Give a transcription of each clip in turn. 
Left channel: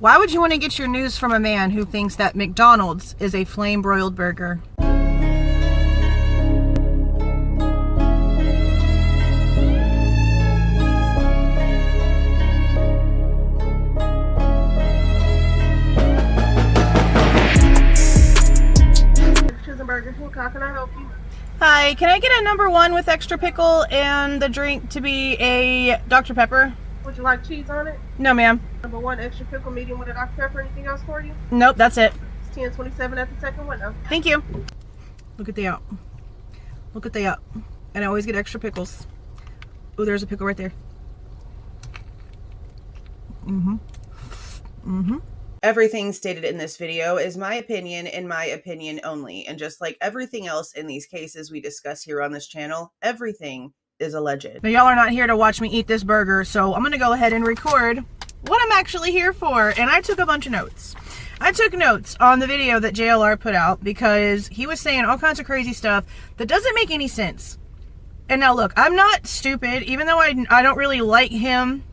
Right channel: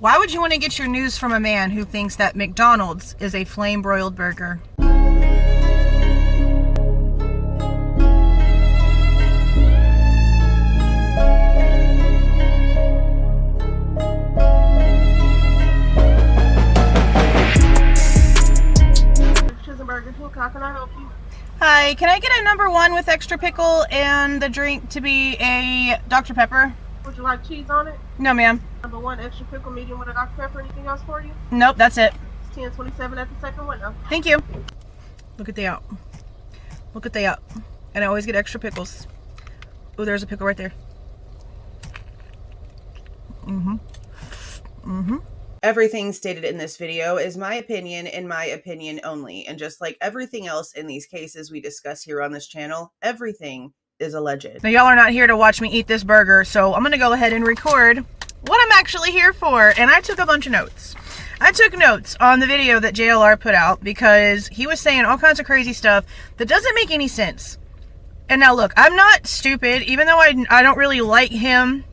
Why would you want to get your news from a man who thinks that McDonald's is a flame-broiled burger? How can I help you? Hi, can I get a number 1 with extra pickle and the drink to be a Dr. Pepper? Would you like cheese on it? No, ma'am. Number 1 extra pickle, medium with a Dr. Pepper. Anything else for you? Nope, that's it. It's 10:27 at the second window. Thank you. Look at the out. Look at the out. And I always get extra pickles. Oh, there's a pickle right there. Everything stated in this video is my opinion and my opinion only, and just like everything else in these cases we discuss here on this channel, everything is alleged. Now, y'all are not here to watch me eat this burger, so I'm gonna go ahead and record what I'm actually here for. And I took a bunch of notes. I took notes on the video that JLR put out because he was saying all kinds of crazy stuff that doesn't make any sense. And now look, I'm not stupid, even though I don't really like him.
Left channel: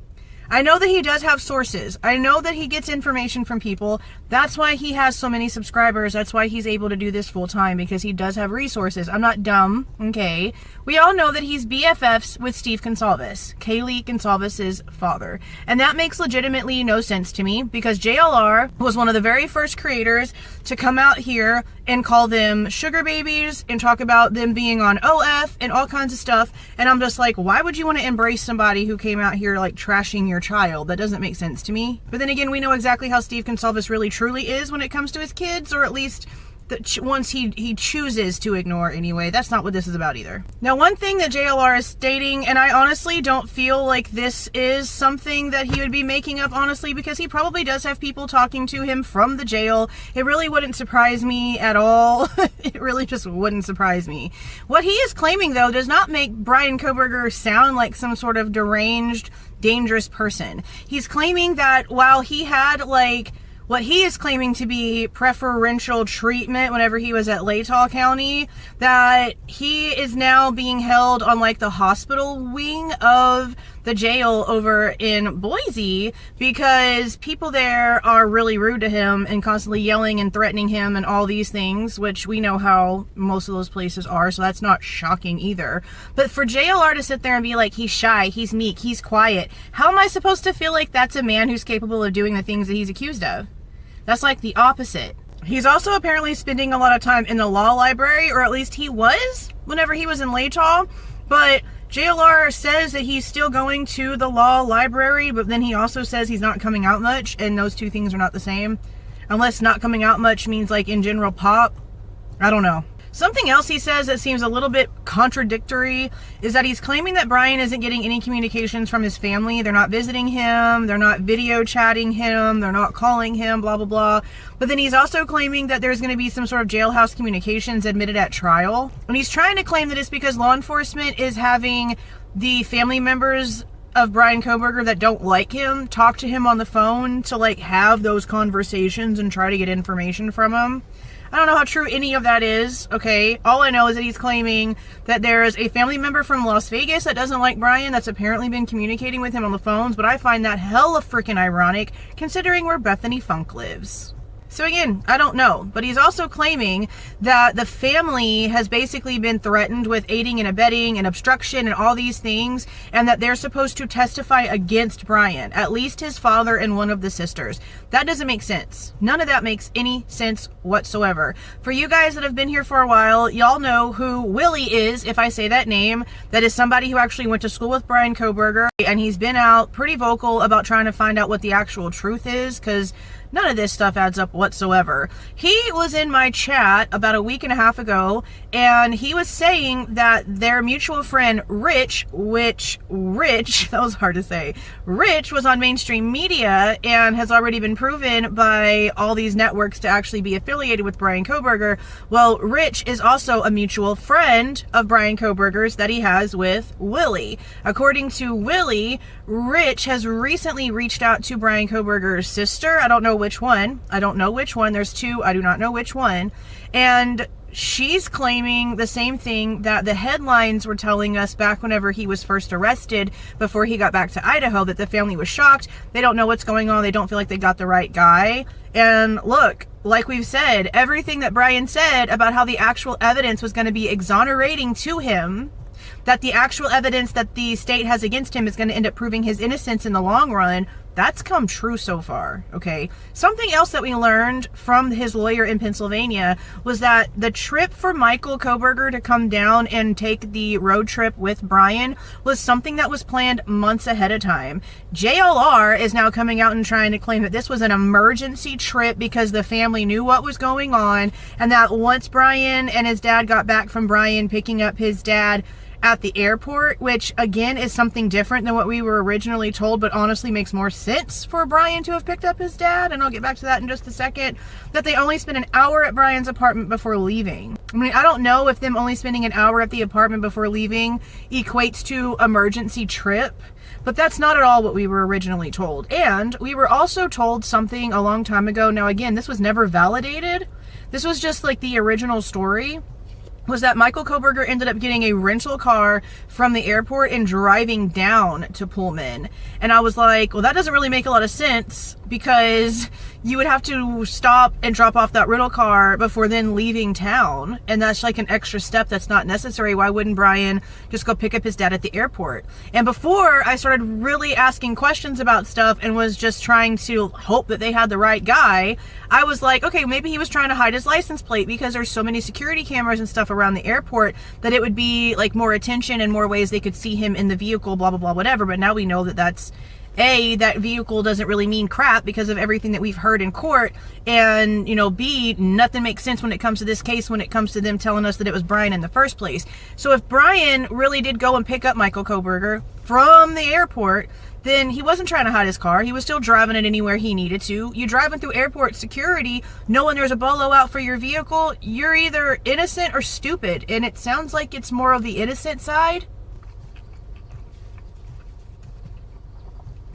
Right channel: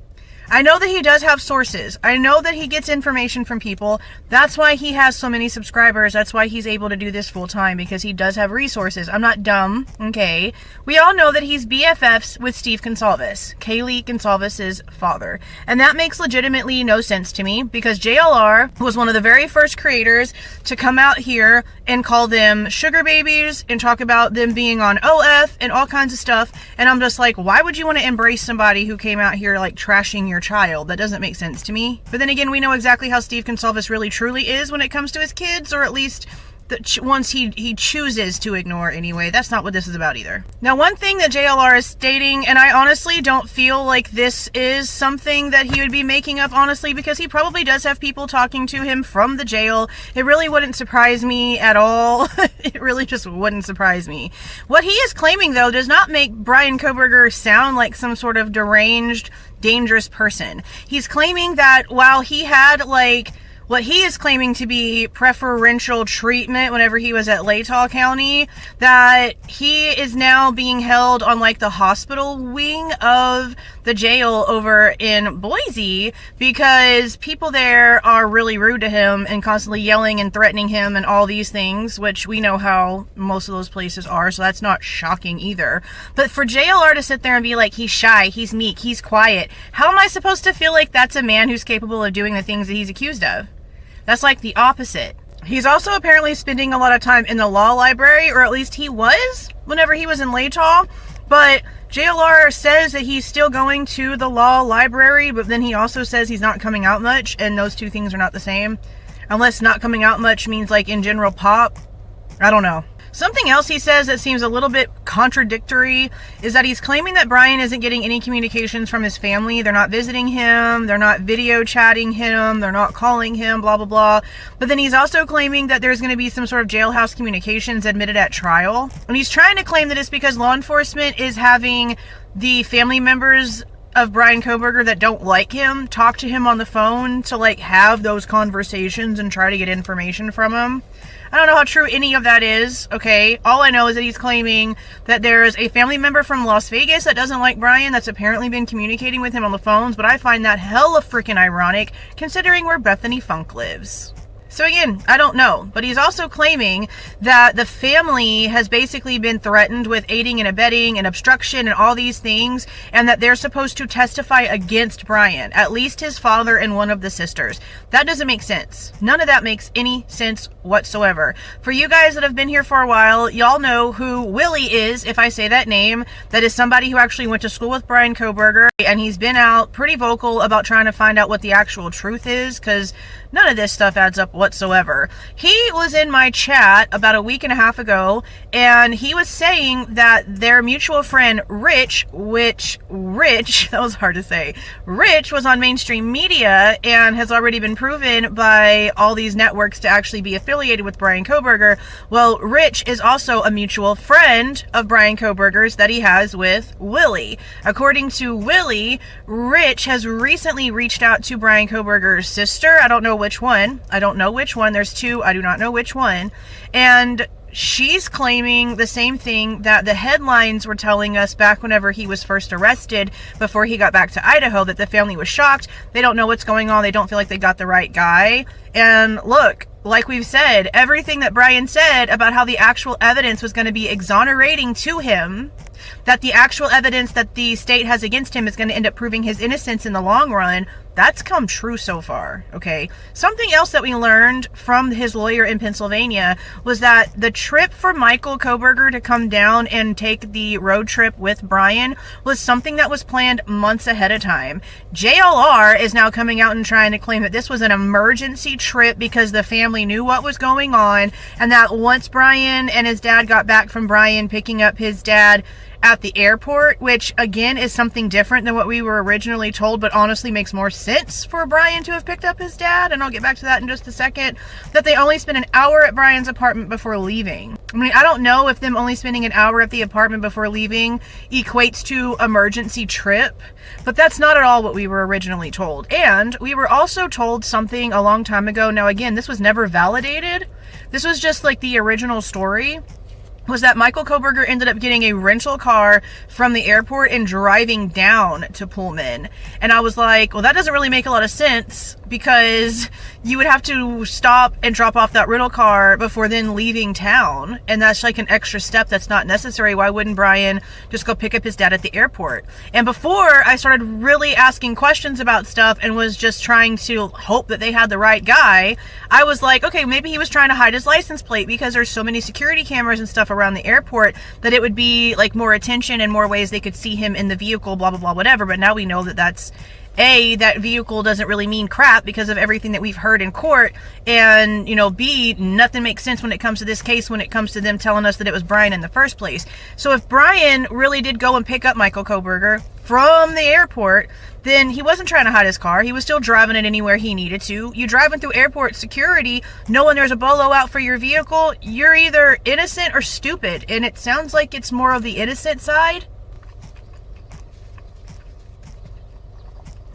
I know that he does have sources. I know that he gets information from people. That's why he has so many subscribers. That's why he's able to do this full time, because he does have resources. I'm not dumb, okay? We all know that he's BFFs with Steve Goncalves, Kaylee Goncalves' father. And that makes legitimately no sense to me, because JLR was one of the very first creators to come out here and call them sugar babies and talk about them being on OF and all kinds of stuff. And I'm just like, why would you want to embrace somebody who came out here like trashing your child? That doesn't make sense to me. But then again, we know exactly how Steve Goncalves really truly is when it comes to his kids, or at least the ones he chooses to ignore anyway. That's not what this is about either. Now, one thing that JLR is stating, and I honestly don't feel like this is something that he would be making up, honestly, because he probably does have people talking to him from the jail. It really wouldn't surprise me at all. It really just wouldn't surprise me. What he is claiming, though, does not make Bryan Kohberger sound like some sort of deranged, dangerous person. He's claiming that while he had, like, what he is claiming to be preferential treatment whenever he was at Latah County, that he is now being held on like the hospital wing of the jail over in Boise because people there are really rude to him and constantly yelling and threatening him and all these things, which we know how most of those places are, so that's not shocking either. But for JLR to sit there and be like, he's shy, he's meek, he's quiet, how am I supposed to feel like that's a man who's capable of doing the things that he's accused of? That's like the opposite. He's also apparently spending a lot of time in the law library, or at least he was whenever he was in Latah. But JLR says that he's still going to the law library, but then he also says he's not coming out much, and those two things are not the same. Unless not coming out much means like in general pop. I don't know. Something else he says that seems a little bit contradictory is that he's claiming that Bryan isn't getting any communications from his family. They're not visiting him, they're not video chatting him, they're not calling him, blah, blah, blah. But then he's also claiming that there's going to be some sort of jailhouse communications admitted at trial. And he's trying to claim that it's because law enforcement is having the family members of Bryan Kohberger that don't like him talk to him on the phone to like have those conversations and try to get information from him. I don't know how true any of that is, okay? All I know is that he's claiming that there is a family member from Las Vegas that doesn't like Bryan that's apparently been communicating with him on the phones, but I find that hella freaking ironic considering where Bethany Funk lives. So again, I don't know, but he's also claiming that the family has basically been threatened with aiding and abetting and obstruction and all these things, and that they're supposed to testify against Bryan, at least his father and one of the sisters. That doesn't make sense. None of that makes any sense whatsoever. For you guys that have been here for a while, y'all know who Willie is, if I say that name. That is somebody who actually went to school with Bryan Kohberger, and he's been out pretty vocal about trying to find out what the actual truth is, because none of this stuff adds up whatsoever. He was in my chat about a week and a half ago, and he was saying that their mutual friend Rich, that was hard to say, Rich was on mainstream media and has already been proven by all these networks to actually be affiliated with Bryan Kohberger. Well, Rich is also a mutual friend of Bryan Kohberger's that he has with Willie. According to Willie, Rich has recently reached out to Bryan Kohberger's sister. I don't know which one. There's two. I do not know which one. And she's claiming the same thing that the headlines were telling us back whenever he was first arrested, before he got back to Idaho, that the family was shocked. They don't know what's going on. They don't feel like they got the right guy. And look, like we've said, everything that Bryan said about how the actual evidence was going to be exonerating to him, that the actual evidence that the state has against him is going to end up proving his innocence in the long run, that's come true so far, okay? Something else that we learned from his lawyer in Pennsylvania was that the trip for Michael Kohberger to come down and take the road trip with Bryan was something that was planned months ahead of time. JLR is now coming out and trying to claim that this was an emergency trip because the family knew what was going on, and that once Bryan and his dad got back from Bryan picking up his dad at the airport, which again is something different than what we were originally told, but honestly makes more sense for Bryan to have picked up his dad, and I'll get back to that in just a second, that they only spent an hour at Bryan's apartment before leaving. I mean, I don't know if them only spending an hour at the apartment before leaving equates to emergency trip, but that's not at all what we were originally told. And we were also told something a long time ago. Now again, this was never validated. This was just like the original story, was that Michael Kohberger ended up getting a rental car from the airport and driving down to Pullman. And I was like, well, that doesn't really make a lot of sense, because you would have to stop and drop off that rental car before then leaving town. And that's like an extra step that's not necessary. Why wouldn't Bryan just go pick up his dad at the airport? And before I started really asking questions about stuff and was just trying to hope that they had the right guy, I was like, okay, maybe he was trying to hide his license plate because there's so many security cameras and stuff around the airport that it would be like more attention and more ways they could see him in the vehicle, blah, blah, blah, whatever. But now we know that that's A, that vehicle doesn't really mean crap because of everything that we've heard in court. And, you know, B, nothing makes sense when it comes to this case, when it comes to them telling us that it was Bryan in the first place. So if Bryan really did go and pick up Michael Kohberger from the airport, then he wasn't trying to hide his car. He was still driving it anywhere he needed to. You driving through airport security, knowing there's a bolo out for your vehicle, you're either innocent or stupid. And it sounds like it's more of the innocent side.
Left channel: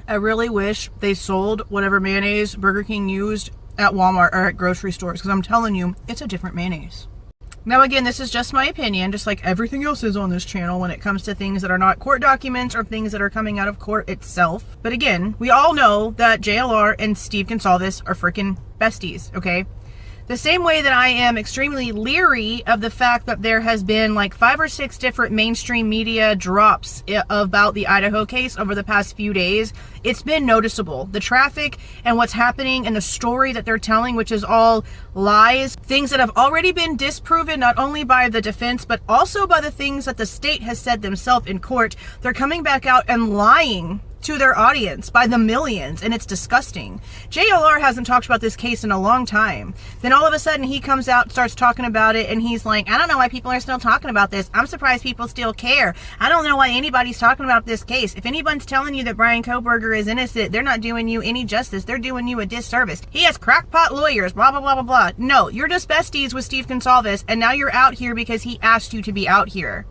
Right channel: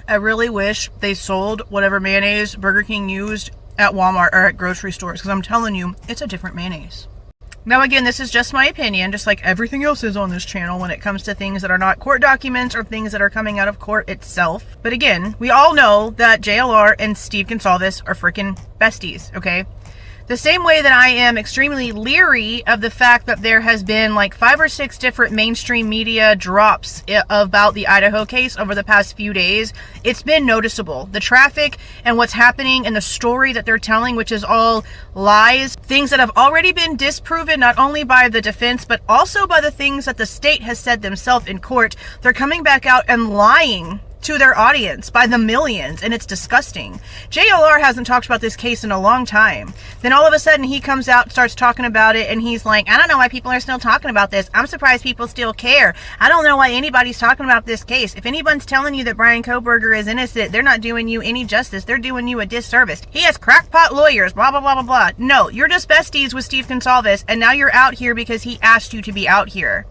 I really wish they sold whatever mayonnaise Burger King used at Walmart or at grocery stores, because I'm telling you, it's a different mayonnaise. Now again, this is just my opinion, just like everything else is on this channel when it comes to things that are not court documents or things that are coming out of court itself. But again, we all know that JLR and Steve Goncalves are freaking besties, okay? The same way that I am extremely leery of the fact that there has been like 5 or 6 different mainstream media drops about the Idaho case over the past few days. It's been noticeable. The traffic and what's happening and the story that they're telling, which is all lies, things that have already been disproven not only by the defense, but also by the things that the state has said themselves in court. They're coming back out and lying to their audience by the millions, and it's disgusting. JLR hasn't talked about this case in a long time. Then all of a sudden he comes out, starts talking about it, and he's like, I don't know why people are still talking about this. I'm surprised people still care. I don't know why anybody's talking about this case. If anyone's telling you that Bryan Kohberger is innocent, they're not doing you any justice. They're doing you a disservice. He has crackpot lawyers, blah, blah, blah, blah, blah. No, you're just besties with Steve Goncalves, and now you're out here because he asked you to be out here.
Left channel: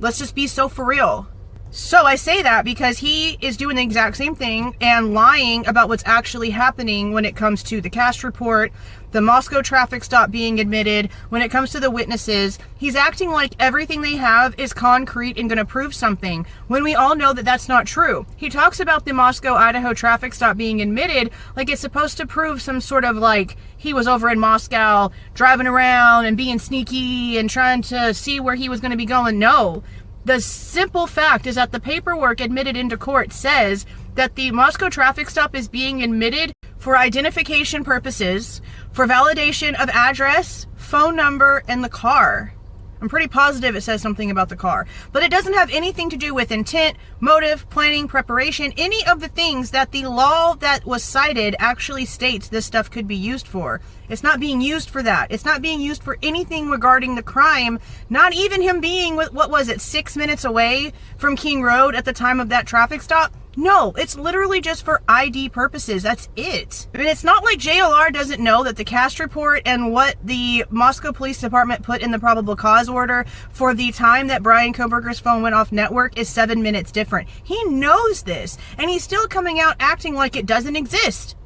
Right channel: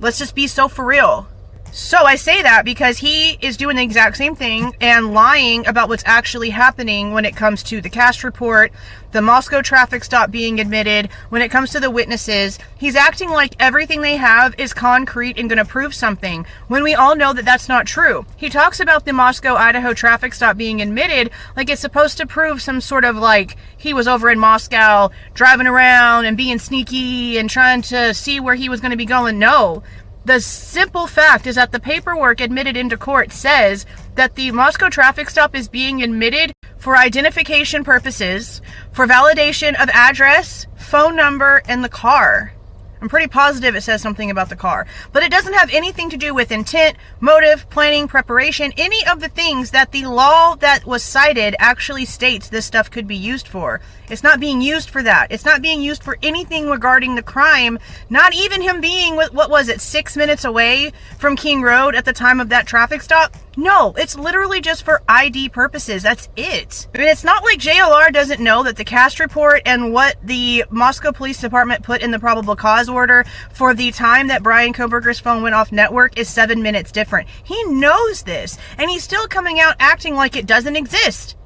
Let's just be so for real. So I say that because he is doing the exact same thing and lying about what's actually happening when it comes to the cast report, the Moscow traffic stop being admitted, when it comes to the witnesses. He's acting like everything they have is concrete and going to prove something, when we all know that that's not true. He talks about the Moscow, Idaho traffic stop being admitted like it's supposed to prove some sort of like he was over in Moscow driving around and being sneaky and trying to see where he was going to be going. No. The simple fact is that the paperwork admitted into court says that the Moscow traffic stop is being admitted for identification purposes, for validation of address, phone number, and the car. I'm pretty positive it says something about the car. But it doesn't have anything to do with intent, motive, planning, preparation, any of the things that the law that was cited actually states this stuff could be used for. It's not being used for that. It's not being used for anything regarding the crime, not even him being, what was it, 6 minutes away from King Road at the time of that traffic stop. No, it's literally just for ID purposes. That's it. I mean, it's not like JLR doesn't know that the cast report and what the Moscow Police Department put in the probable cause order for the time that Bryan Kohberger's phone went off network is 7 minutes different. He knows this, and he's still coming out acting like it doesn't exist.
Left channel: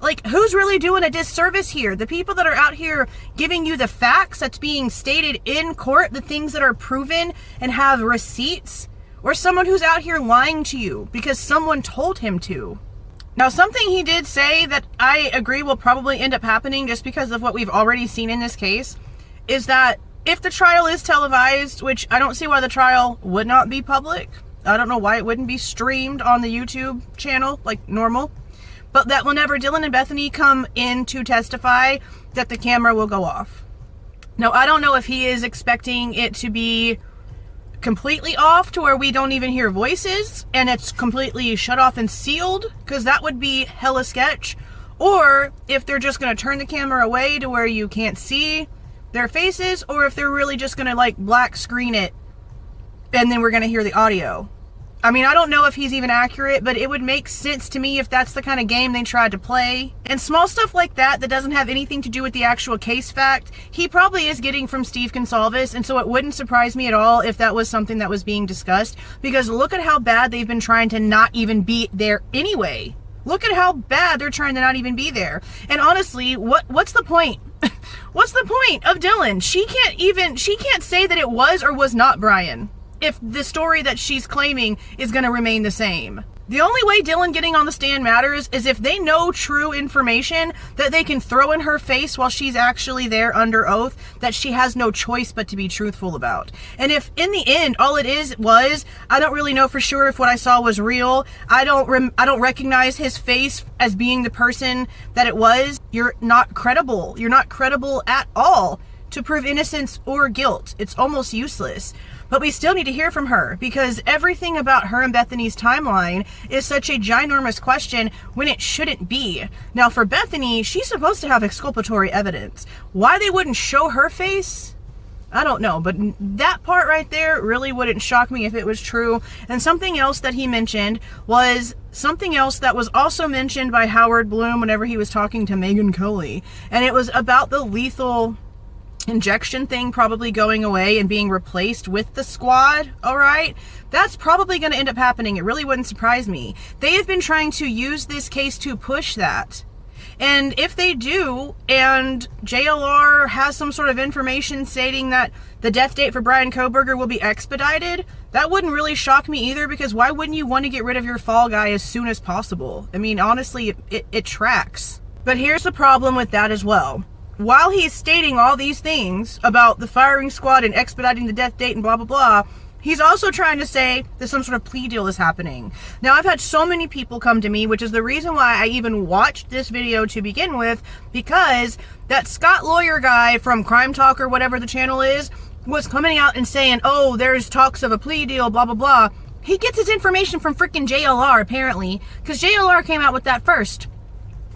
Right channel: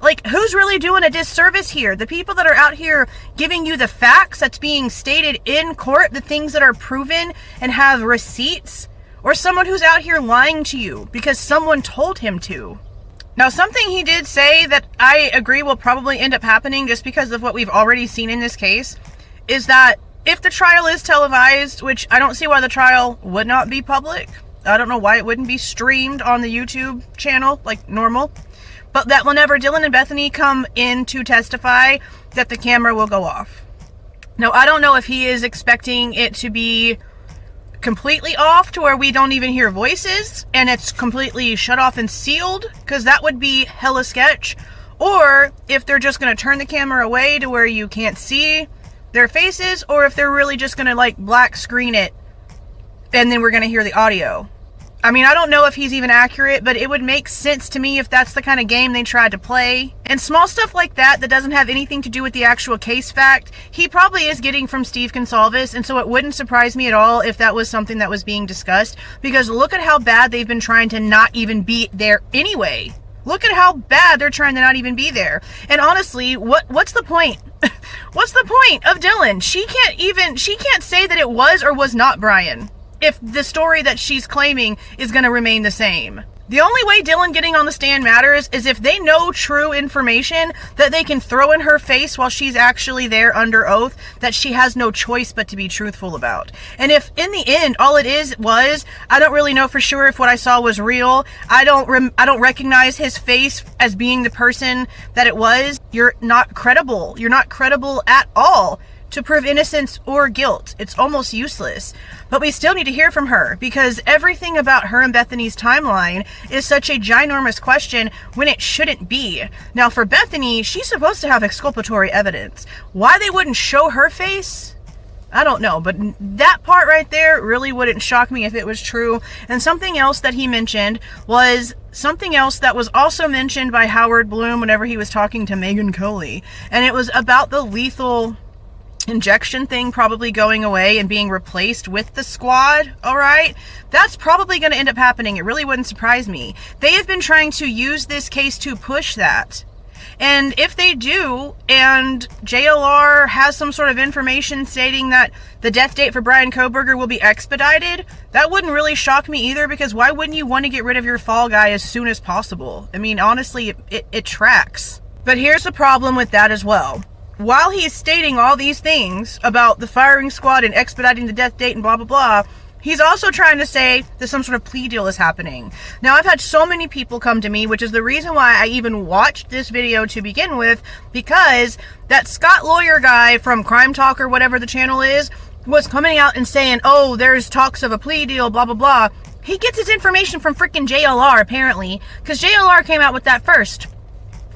Like, who's really doing a disservice here? The people that are out here giving you the facts that's being stated in court, the things that are proven and have receipts, or someone who's out here lying to you because someone told him to? Now, something he did say that I agree will probably end up happening just because of what we've already seen in this case is that if the trial is televised, which I don't see why the trial would not be public. I don't know why it wouldn't be streamed on the YouTube channel like normal. But that whenever Dylan and Bethany come in to testify, that the camera will go off. Now, I don't know if he is expecting it to be completely off to where we don't even hear voices and it's completely shut off and sealed, because that would be hella sketch. Or if they're just going to turn the camera away to where you can't see their faces, or if they're really just going to like black screen it and then we're going to hear the audio. I mean, I don't know if he's even accurate, but it would make sense to me if that's the kind of game they tried to play. And small stuff like that doesn't have anything to do with the actual case fact, he probably is getting from Steve Goncalves, and so it wouldn't surprise me at all if that was something that was being discussed, because look at how bad they've been trying to not even be there anyway. Look at how bad they're trying to not even be there. And honestly, what's the point? What's the point of Dylan? She can't say that it was or was not Bryan if the story that she's claiming is going to remain the same. The only way Dylan getting on the stand matters is if they know true information that they can throw in her face while she's actually there under oath that she has no choice but to be truthful about. And if in the end all it was, I don't really know for sure if what I saw was real. I don't recognize his face as being the person that it was. You're not credible. You're not credible at all to prove innocence or guilt. It's almost useless. But we still need to hear from her, because everything about her and Bethany's timeline is such a ginormous question when it shouldn't be. Now, for Bethany, she's supposed to have exculpatory evidence. Why they wouldn't show her face, I don't know, but that part right there really wouldn't shock me if it was true. And something else that he mentioned was something else that was also mentioned by Howard Bloom whenever he was talking to Megan Coley, and it was about the lethal injection thing probably going away and being replaced with the squad. All right, that's probably going to end up happening. It really wouldn't surprise me. They have been trying to use this case to push that, and if they do, and JLR has some sort of information stating that the death date for Bryan Kohberger will be expedited, that wouldn't really shock me either, because why wouldn't you want to get rid of your fall guy as soon as possible? I mean, honestly, it tracks. But here's the problem with that as well. While he's stating all these things about the firing squad and expediting the death date and blah, blah, blah, he's also trying to say that some sort of plea deal is happening. Now, I've had so many people come to me, which is the reason why I even watched this video to begin with, because that Scott Lawyer guy from Crime Talk or whatever the channel is, was coming out and saying, oh, there's talks of a plea deal, blah, blah, blah. He gets his information from freaking JLR, apparently, because JLR came out with that first.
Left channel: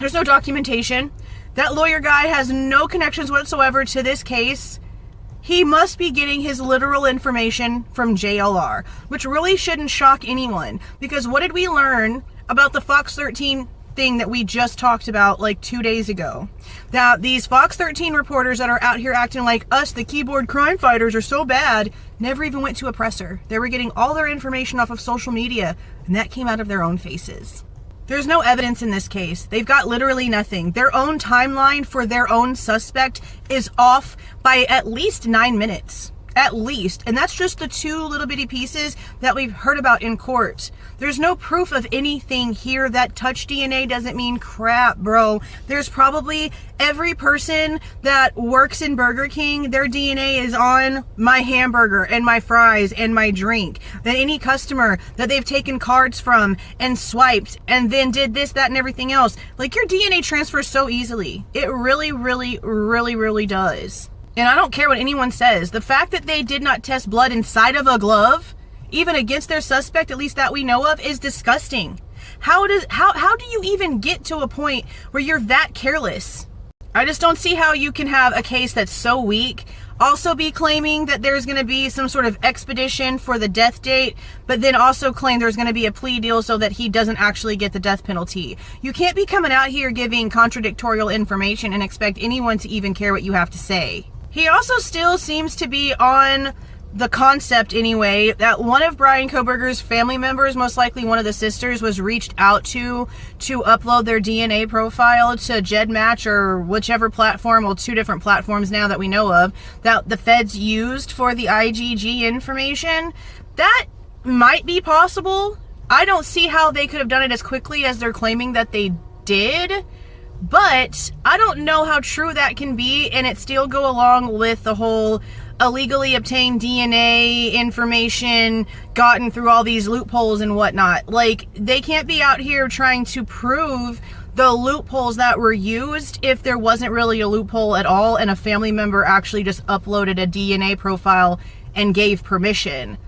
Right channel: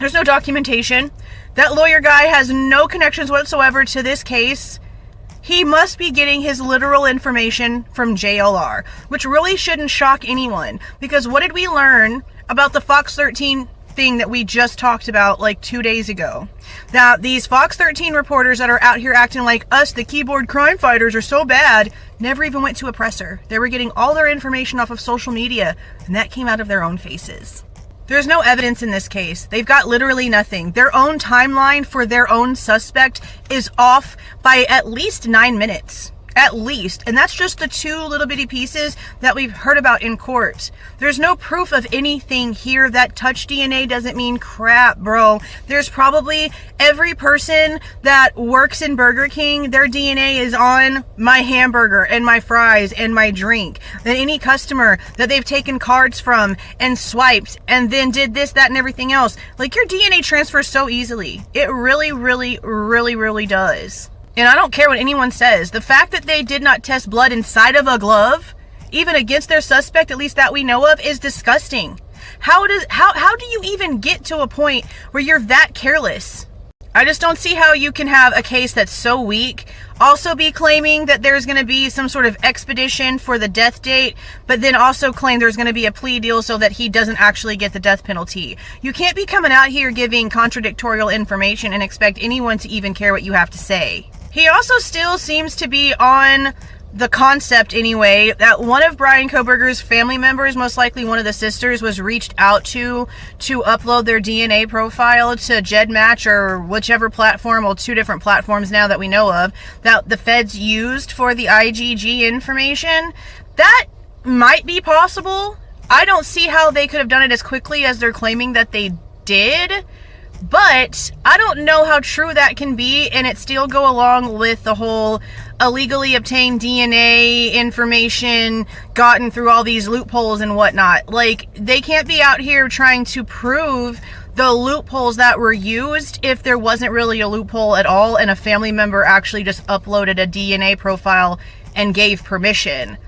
There's no documentation. That lawyer guy has no connections whatsoever to this case. He must be getting his literal information from JLR, which really shouldn't shock anyone, because what did we learn about the Fox 13 thing that we just talked about like 2 days ago? That these Fox 13 reporters that are out here acting like us, the keyboard crime fighters, are so bad, never even went to a presser. They were getting all their information off of social media, and that came out of their own faces. There's no evidence in this case. They've got literally nothing. Their own timeline for their own suspect is off by at least 9 minutes. At least. And that's just the 2 little bitty pieces that we've heard about in court. There's no proof of anything here. That touch DNA doesn't mean crap, bro. There's probably every person that works in Burger King, their DNA is on my hamburger and my fries and my drink. Then any customer that they've taken cards from and swiped and then did this, that, and everything else. Like, your DNA transfers so easily. It really, really, really, really does. And I don't care what anyone says. The fact that they did not test blood inside of a glove, even against their suspect, at least that we know of, is disgusting. How do you even get to a point where you're that careless? I just don't see how you can have a case that's so weak, also be claiming that there's going to be some sort of expedition for the death date, but then also claim there's going to be a plea deal so that he doesn't actually get the death penalty. You can't be coming out here giving contradictorial information and expect anyone to even care what you have to say. He also still seems to be on the concept anyway, that one of Bryan Kohberger's family members, most likely one of the sisters, was reached out to upload their DNA profile to GEDmatch or whichever platform, well, 2 different platforms now that we know of, that the feds used for the IgG information. That might be possible. I don't see how they could have done it as quickly as they're claiming that they did. But I don't know how true that can be, and it still go along with the whole illegally obtained DNA information gotten through all these loopholes and whatnot. Like, they can't be out here trying to prove the loopholes that were used if there wasn't really a loophole at all and a family member actually just uploaded a DNA profile and gave permission.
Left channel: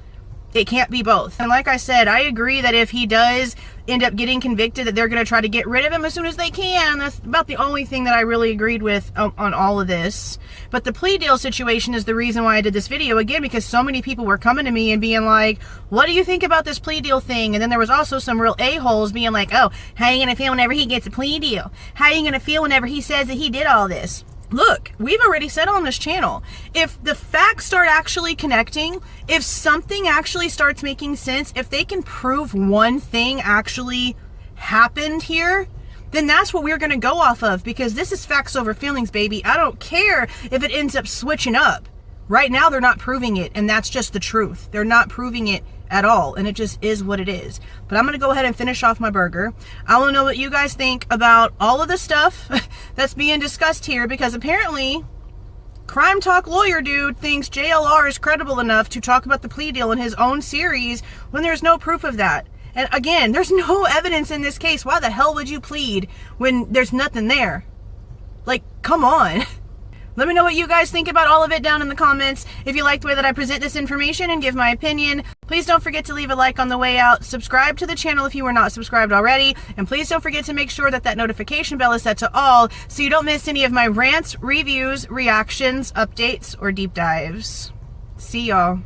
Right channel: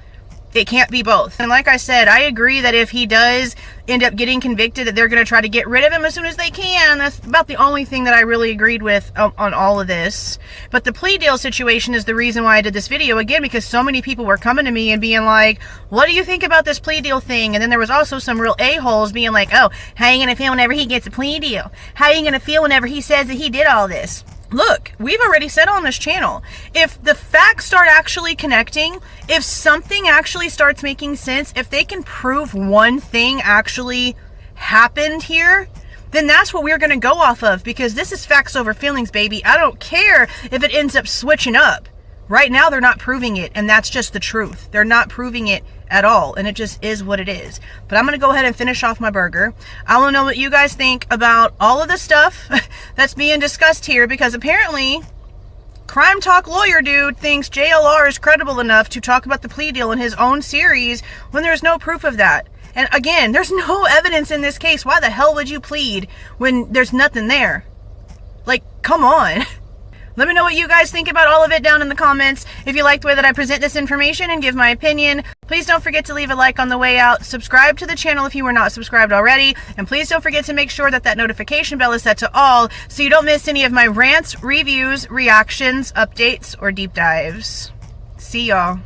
It can't be both. And like I said, I agree that if he does end up getting convicted, that they're going to try to get rid of him as soon as they can. That's about the only thing that I really agreed with on all of this. But the plea deal situation is the reason why I did this video, again, because so many people were coming to me and being like, what do you think about this plea deal thing? And then there was also some real a-holes being like, oh, how are you going to feel whenever he gets a plea deal? How are you going to feel whenever he says that he did all this? Look, we've already said on this channel, if the facts start actually connecting, if something actually starts making sense, if they can prove one thing actually happened here, then that's what we're going to go off of, because this is facts over feelings, baby. I don't care if it ends up switching up. Right now, they're not proving it, and that's just the truth. They're not proving it at all, and it just is what it is. But I'm going to go ahead and finish off my burger. I want to know what you guys think about all of the stuff that's being discussed here, because apparently Crime Talk lawyer dude thinks JLR is credible enough to talk about the plea deal in his own series when there's no proof of that. And again, there's no evidence in this case. Why the hell would you plead when there's nothing there? Like, come on. Let me know what you guys think about all of it down in the comments. If you like the way that I present this information and give my opinion, please don't forget to leave a like on the way out. Subscribe to the channel if you are not subscribed already. And please don't forget to make sure that that notification bell is set to all so you don't miss any of my rants, reviews, reactions, updates, or deep dives. See y'all.